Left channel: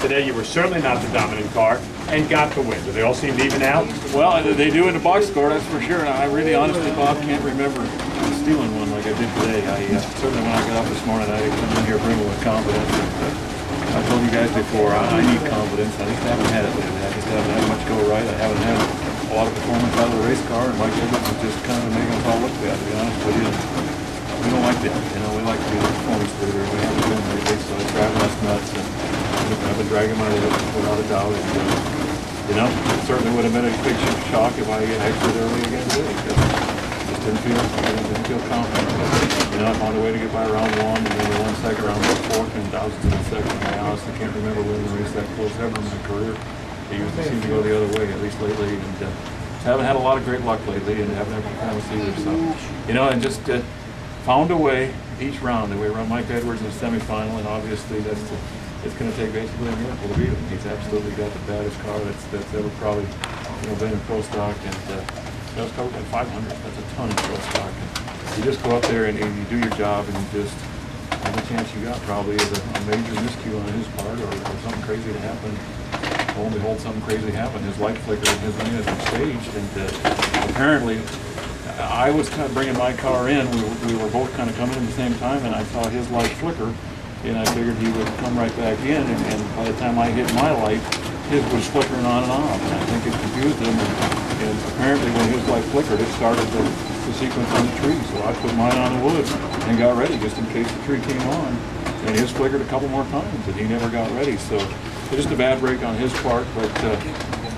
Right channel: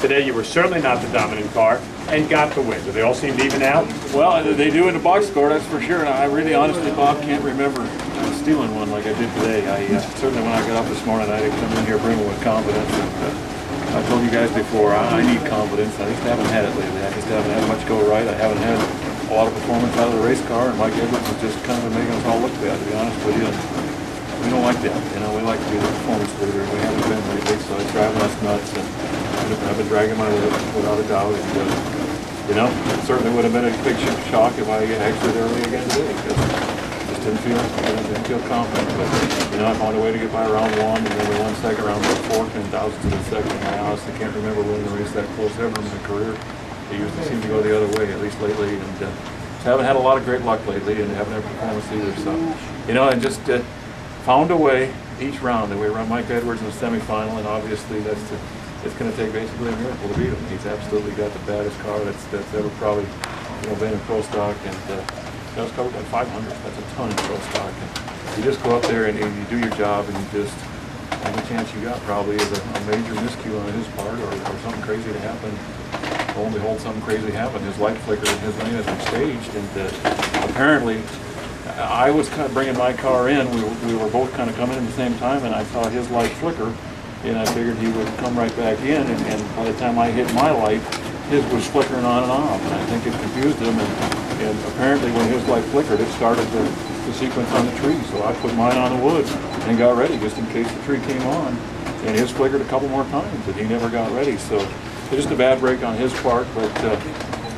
Today you were certainly not the dominant car and got the win. Do they all seem to even out? Well, they do in the box score, that's for sure. And I really, honestly, Bob, can't remember stealing one like I did today. Certainly when I got up this morning, I come in here brimming with confidence. And, I told you guys before, I need confidence. I just haven't had it lately. I just haven't had much go right. I haven't had a lot of performance out of the race car, and Mike Edwards is just kind of making us all look bad, to be honest with you. We don't like that. You know, we like to be the performance leader, and we haven't been lately, so it's driving us nuts. And I've been dragging my whip without a doubt. And, you know, it certainly would have been a big shock if I exited early again today, because I just didn't feel confident. But, you know, I found a way to get by round one, and then the 1 second round, about 4 10,000ths of a second. I honestly can't remember winning a race that close ever in my career. It usually seems to go the other way, at least lately. And haven't had a lot of great luck lately, and haven't had performance either. So, you know, and just found a way each round. And we run Mike Edwards in the semifinal, and obviously it's going to take basically a miracle to beat him. He's absolutely got the baddest car that's ever probably been in pro stock, and it's covered by 500. That's a ton in pro stock. And you just go up there and you do your job, and you just have a chance you got probably is a major miscue on his part, or something crazy to happen. Lo and behold, something crazy happened. His light flickered and his lane has been staged, and apparently I was kind of bringing my car in. We were both kind of coming in at the same time, and I saw his light flicker, and I figured he would come right back in, and by the time I hit my light, his was flickering on and off, and I think it confused him, and apparently when his light flickered, it started the sequence on the tree, so I put mine on the wood and got ready just in case the tree came on, and his flickered a couple more times, and he never got ready, so it's just a bad break on his part, but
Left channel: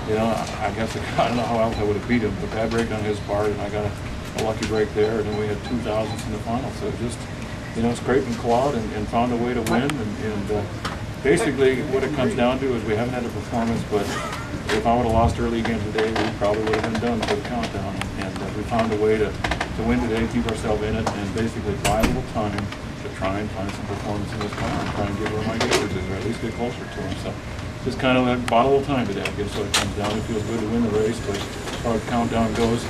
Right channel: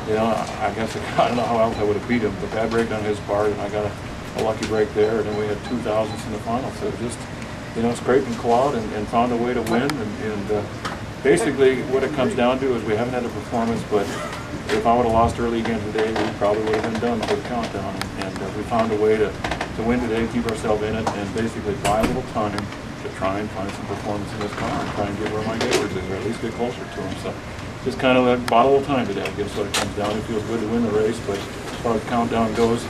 you know, I guess I don't know how else I would have beat him, but bad break on his part, and I got a lucky break there, and then we had 2,000ths in the final, so just, you know, scraped and clawed and found a way to win, and basically what it comes down to is we haven't had a performance, but if I would have lost early again today, we probably would have been done for the countdown, and we found a way to win today, keep ourselves in it, and basically buy a little time to try and find some performance in this car and try and get where Mike Edwards is, or at least get closer to him. So just kind of bought a little time today, I guess what it comes down to. It feels good to win the race, but as far as the countdown goes,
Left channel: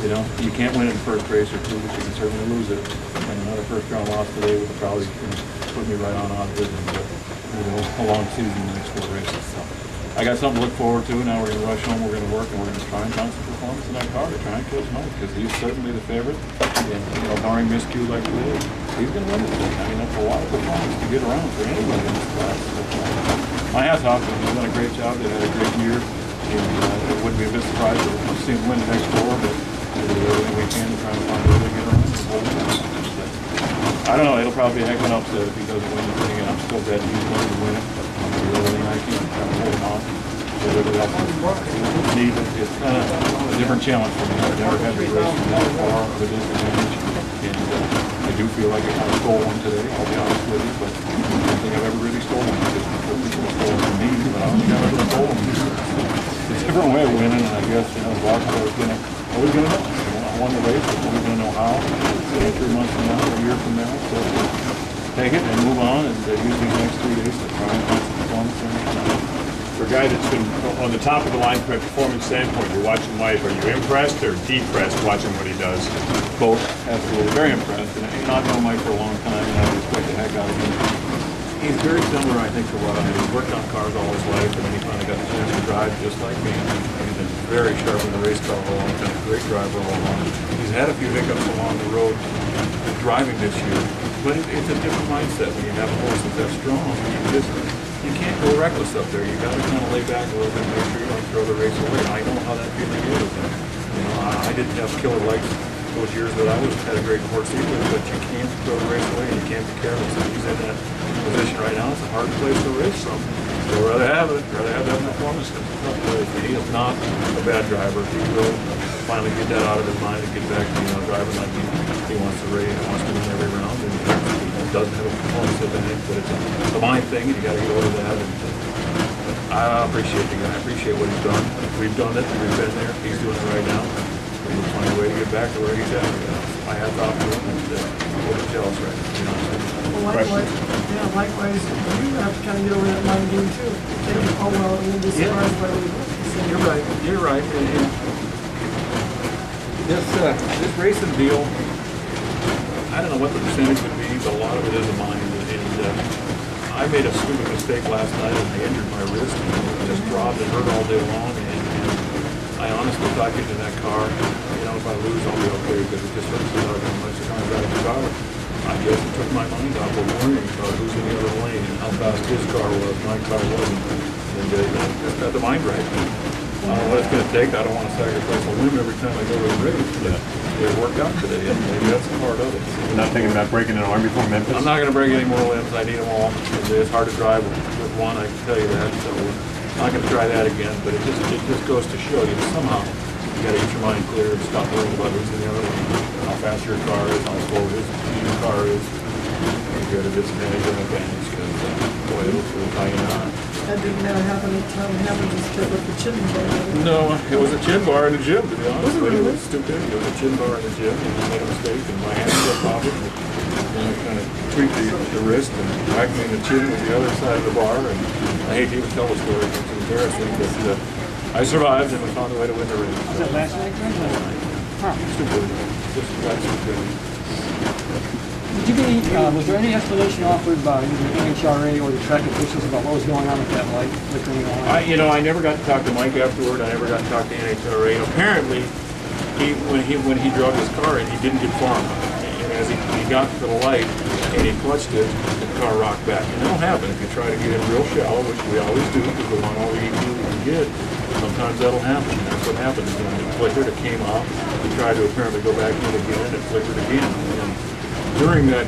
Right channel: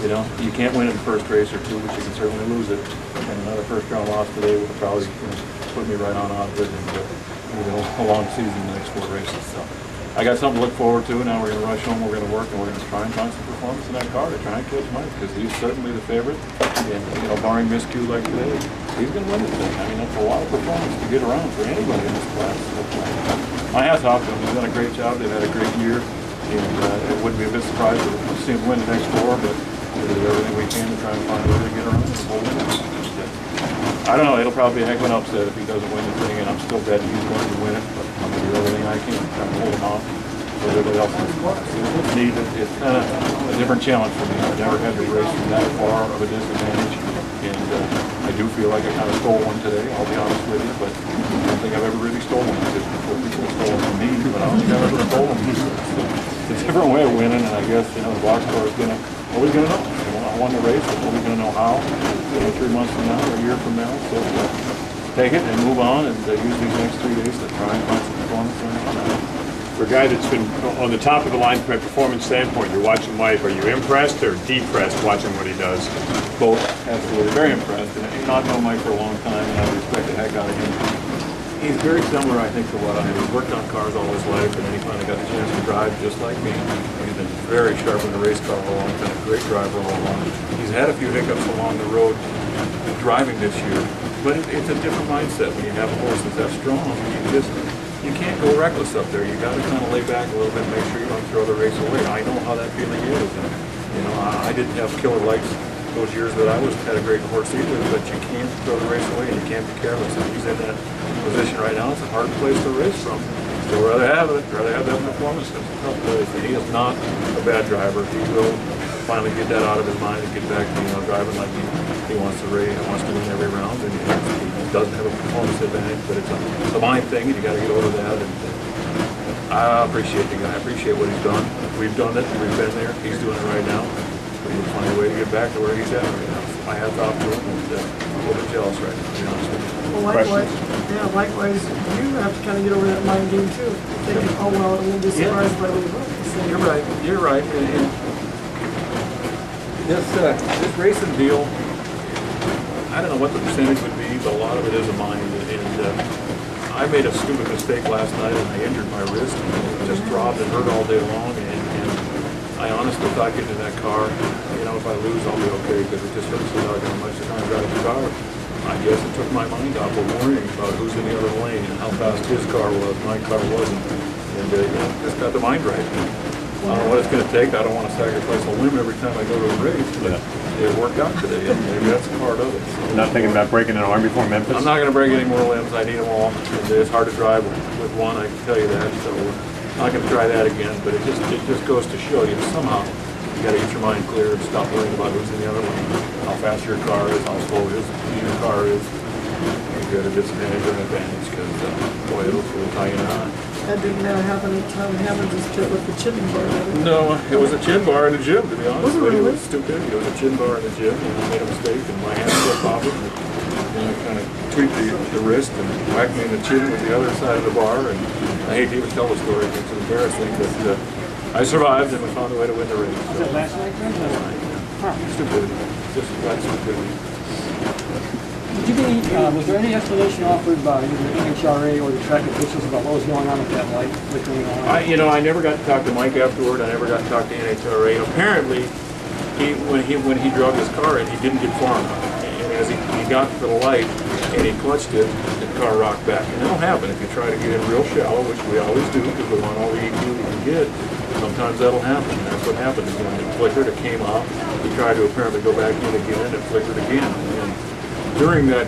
you know, you can't win it in the first race or two, but you can certainly lose it. And another first round loss today would probably put me right on of it, and a long season in the next 4 races. So I got something to look forward to. Now we're going to rush home, we're going to work, and we're going to try and find some performance in that car to try and catch Mike, because he's certainly the favorite. And, you know, barring miscue like today, he's going to win this thing. I mean, that's a lot of performance to get around for anybody in this class. My hat's off to him. He's done a great job. They've had a great year, and it wouldn't be a bit surprised to see him win the next 4, but we'll do everything we can to try and find a way to get around this whole thing. I don't know, it'll probably be a heck of an upset if he doesn't win the thing, and I'm still betting he's going to win it, but I'm going to do everything I can to try and hold him off. So everybody else needs it. It's kind of a different challenge for me. I've never had to race from that far of a disadvantage, and I do feel like I kind of stole one today, I'll be honest with you, but I don't think I've ever really stolen one. Just before people have stolen from me, but I don't think I've ever stolen one. So it's a different way of winning, and I guess, you know, the box score is going to, nobody's going to know. I won the race, but nobody's going to know how. 3 months from now, or a year from now, so take it and move on, and use these next 3 days to try and find some performance in it. For a guy that's been on the top of the line from a performance standpoint, you're watching Mike, are you impressed or depressed watching what he does? Both, absolutely, very impressed. And I've known Mike for a long time, and I respect the heck out of him. He's very similar, I think, to what I did. He's worked on cars all his life, and then he finally got the chance to drive just like me. He's been very sharp in the race car for a long time, great driver all along. He's had a few hiccups along the road driving this year, but it's a different mindset when you have a horse that's that strong. You can't go reckless up there. You got to kind of lay back a little bit, make sure you don't throw the race away. I know how that feeling is. And, you know, I didn't have killer lights those years that I had a great horse either, but you can't throw the race away and you can't be careless. And he's in that position right now. It's a hard place to race from. So rather have that performance. It's a tough place. He is not a bad driver. He will finally get that out of his mind and get back to, you know, driving like he wants to race, he wants to win every round, and he doesn't have a performance advantage, but it's a mind thing, and you got to get over that. And I appreciate the guy. I appreciate what he's done. We've done it. We've been there. He's doing it right now. We'll find a way to get back to where he's at right now. My hat's off to him, and I'm a little bit jealous right now, to be honest with you. Well, likewise, you have to kind of get over that mind game too. Think, oh well, I won't be surprised by what he wants. You're right. You're right. And this racing deal, I don't know what the percentage would be, but a lot of it is a mind. And I made a stupid mistake last night and I injured my wrist. It just throbbed and hurt all day long. And I honestly thought getting in that car, you know, if I lose, I'll be okay because it just hurts so doggone much to try and drive the car. I guess it took my mind off of worrying about who's in the other lane and how fast his car was, my car wasn't. And you know, just got the mind right. I don't know what it's going to take. I don't want to sacrifice a limb every time I go to a race. But it worked out today, and maybe that's a part of it. You're not thinking about breaking an arm before Memphis? I'm not going to break any more limbs. I need them all. It's hard to drive with one, I can tell you that. So I'm not going to try that again. But it just goes to show you somehow you got to get your mind clear and stop worrying about who's in the other lane, how fast your car is, how slow your car is. If you're at a disadvantage or an advantage, because boy, it'll tie you on. That didn't matter how many times it happened, just kept with the chin bar. No, it was a chin bar in the gym, to be honest. Was it really? It was stupid. It was a chin bar in the gym, and I made a mistake, and my hand slipped off it, and I kind of tweaked the wrist and whacked me in the chin with the other side of the bar, and I hate to even tell the story, it's embarrassing, but I survived, and we found a way to win the race. Was that last night? Stupidity. Just flat stupidity. Did you get any, was there any explanation offered by either the NHRA or the track officials about what was going on with that light flickering on? I never got to talk to Mike afterward. I never got to talk to NHRA. Apparently, when he drove his car in, he didn't get far enough. And as he got to the light and he clutched it, the car rocked back. And that'll happen if you try to get in real shallow, which we always do because we want all the EQ we can get. Sometimes that'll happen. And that's what happened. When it flickered, it came off. He tried to apparently go back in again, and it flickered again. And during that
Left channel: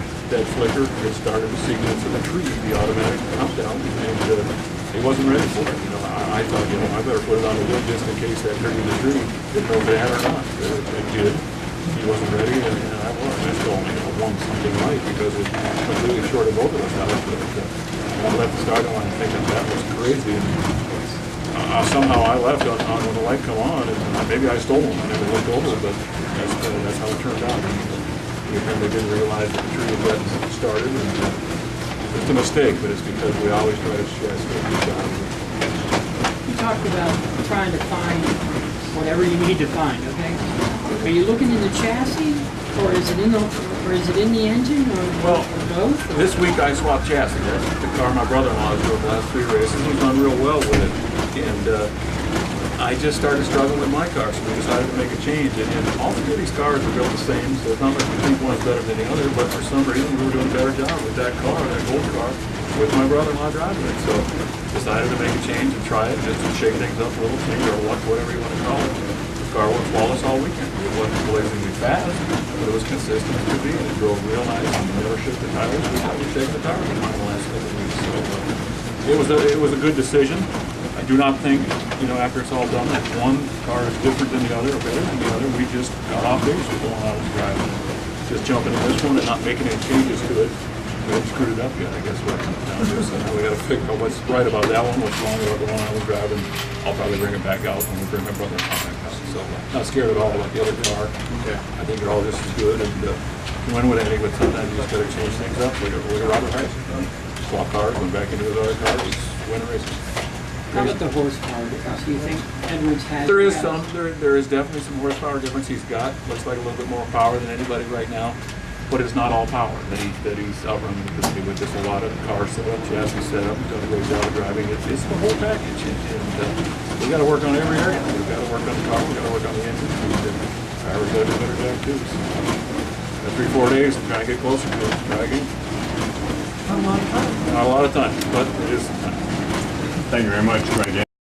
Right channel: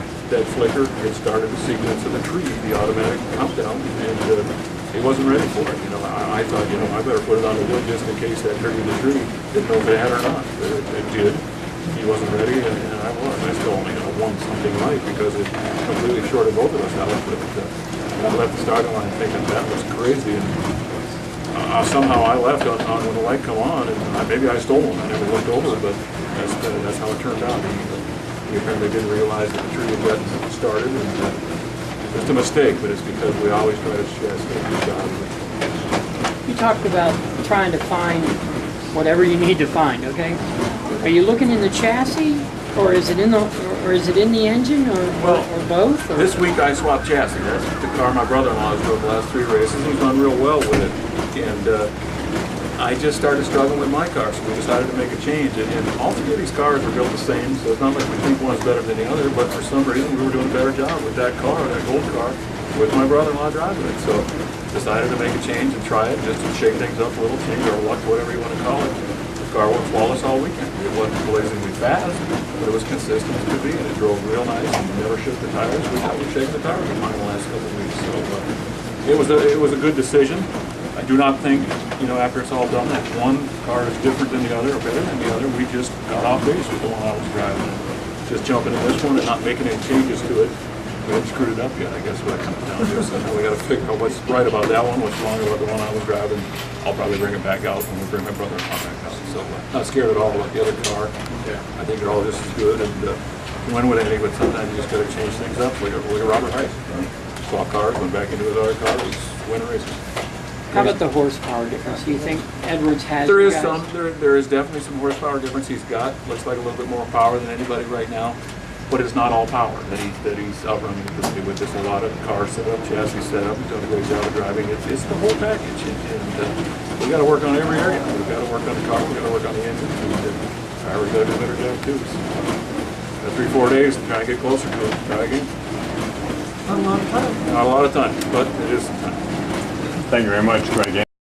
flicker, it started the sequence of the tree, the automatic countdown, and he wasn't ready for it. You know, I thought, you know, I better put it on the wood just in case that triggered the tree. Didn't know if it had or not. It did. He wasn't ready, and I was. I still only won something right because it completely shorted both of us out. But I left the starting line thinking that was crazy. And somehow I left on when the light come on, and maybe I stole him. I never looked over, but that's how it turned out. We apparently didn't realize that the tree had gotten started, and it's a mistake, but it's because we always try to stay good shot. You talked about trying to find whatever you need to find, okay? Are you looking in the chassis, or is it in the engine, or both? Or? This week I swapped chassis. That's the car my brother-in-law has drove the last 3 races. He's done real well with it, and I just started struggling with my car, so we decided to make a change. And all 3 of these cars are built the same, so it's not like we think one's better than the other, but for some reason we were doing a better job with that car, that gold car, with my brother-in-law driving it. So decided to make a change and try it, just to shake things up a little, change our luck, whatever you want to call it. The car worked flawless all weekend. It wasn't blazingly fast, but it was consistent as could be, and it drove real nice and never shook the tires. We haven't shaken the tires in the last couple of weeks, so it was a good decision. I do not think, you know, after it's all done, that one car is different than the other or better than the other. We just got off base with the one I was driving. Just jumping in this one and not making any changes to it. We haven't screwed it up yet, I guess what it comes down to. So now we got to figure out what's right about that one, what's wrong about the one I was driving. I'll probably bring it back out when we bring my brother-in-law back out. So not scared at all about the other car. Yeah, I think they're all just as good and can win with anything, but sometimes you just got to change things up. Like a Robert Rice. Swap cars, went back into his other car, he's winning races. How about the horsepower difference? Do you think Edwards has? There is some. There is definitely some horsepower difference. He's got looks like a little bit more power than anybody right now, but it's not all power that he's outrunning with this. A lot of car setup, chassis setup. He's done a great job of driving. It's the whole package, and we got to work on every area. We got to work on the car. We got to work on the engine. Driver's got to do a better job too. So, 3-4 days to try and get closer to it. Try again. Not a lot of time. Not a lot of time, but it is some time. Thank you very much. Great game.